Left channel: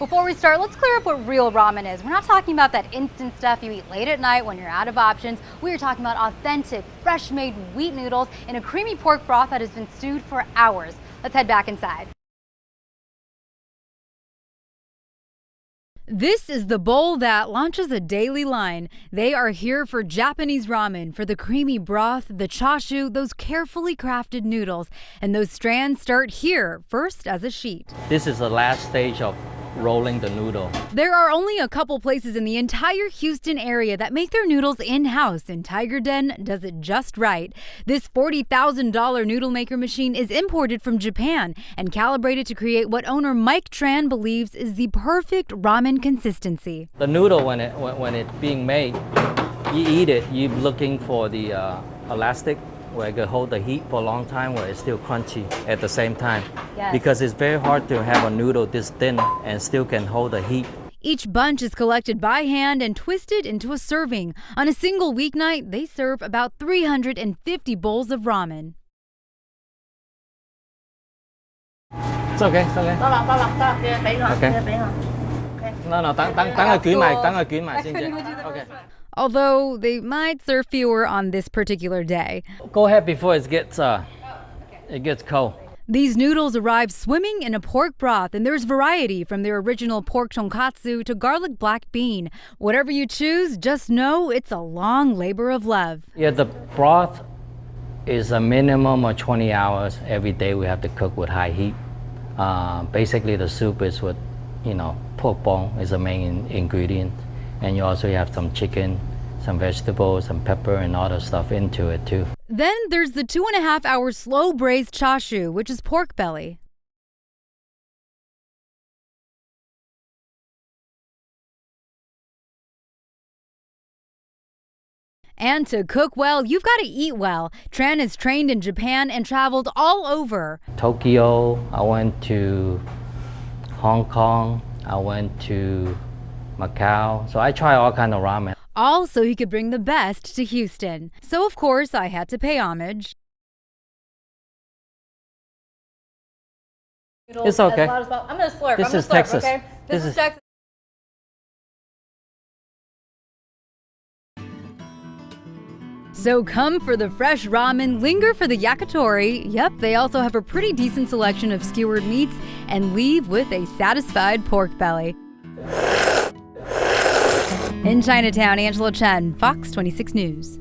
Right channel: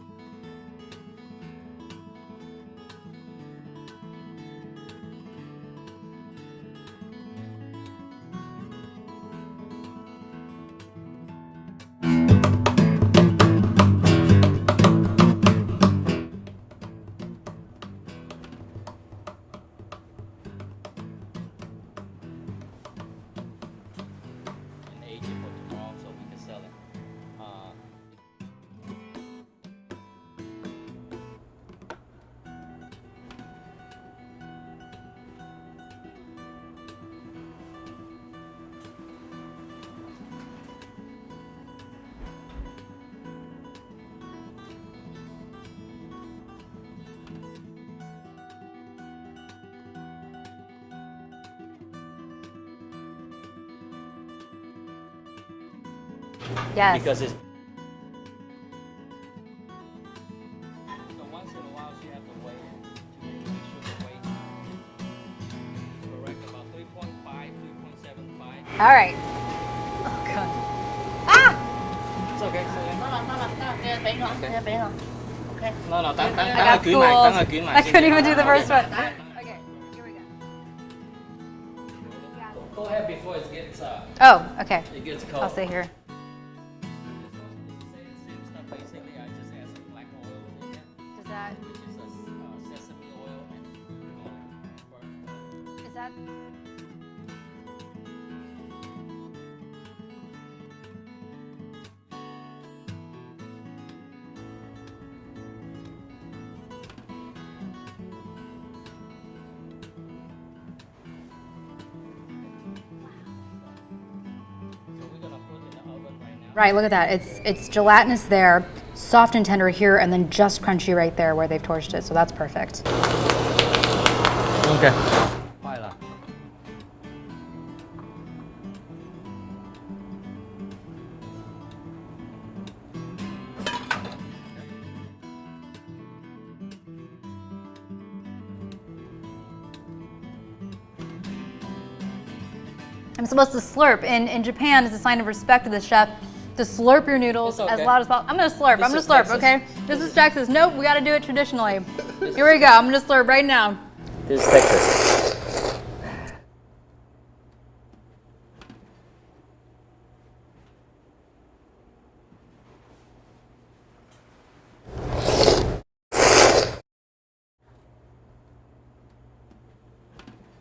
Before we start, let's clear up what real ramen is. We're not talking about that instant stuff you eat late at night when you're out of options. We are talking about authentic, fresh-made wheat noodles in a creamy pork broth that has been stewed for hours. Let's head back inside. This is the bowl that launches a daily line. They are here for Japanese ramen, for the creamy broth, the chashu, those carefully crafted noodles. And those strands start here, first as a sheet. This is the last stage of rolling the noodle. There are only a couple places in the entire Houston area that make their noodles in-house, and Tiger Den does it just right. This $40,000 noodle maker machine is imported from Japan and calibrated to create what owner Mike Tran believes is the perfect ramen consistency. The noodle, when it's being made, you eat it, you're looking for the elastic, where it can hold the heat for a long time, where it's still crunchy at the same time. Yes. Because it's very hard to have a noodle this thin and still can hold the heat. Each bunch is collected by hand and twisted into a serving. On a single weeknight, they serve about 350 bowls of ramen. All right. Oh, God. Ah! It's okay, it's okay. Okay. No, I couldn't even do the first one. Although they might serve fewer on this particular day. Go ahead before it gets Okay. it gets cold. I'll stay here. These noodles arrive swimming in a pork broth, and there's variety from their original pork tonkatsu to garlic black bean. Whatever you choose, just know it's a long labor of love. Yeah, the broth is a minimum of 20 hours every day. We have to cook with high heat. Basically, the soup is with, pork bone is the main ingredient, and you also have some chicken, some vegetables, some pepper, and all the stuff into it too. Then there's the 2.5-hour slow braised chashu, which is pork belly. Right, look at that. It's gelatinous there, soft and tender here, and then just crunchy right there where they've torched it. So that's perfect. Okay. And to cook well, you've got to eat well. Tran is trained in Japan and traveled all over. Tokyo, I went to Hong Kong, I went to Macau, so I try all kind of ramen. All so he could bring the best to Houston. So of course I had to pay homage. I'm supposed to slurp. In Japan, it's a sign of respect to the chef to slurp your noodles It's okay. as loud as possible. I'm gonna slurp. This I'm gonna is slurp. Texas. Okay. This is Texas. Nope, we gotta do it traditionally. Here we go. I'm gonna slurp right now. This is Texas. So come for the fresh ramen, linger for the yakitori. Yep, they also have a pretty decent selection of skewered meats, and leave with a satisfied pork belly. In Chinatown, Angela Chen, Fox 26 News.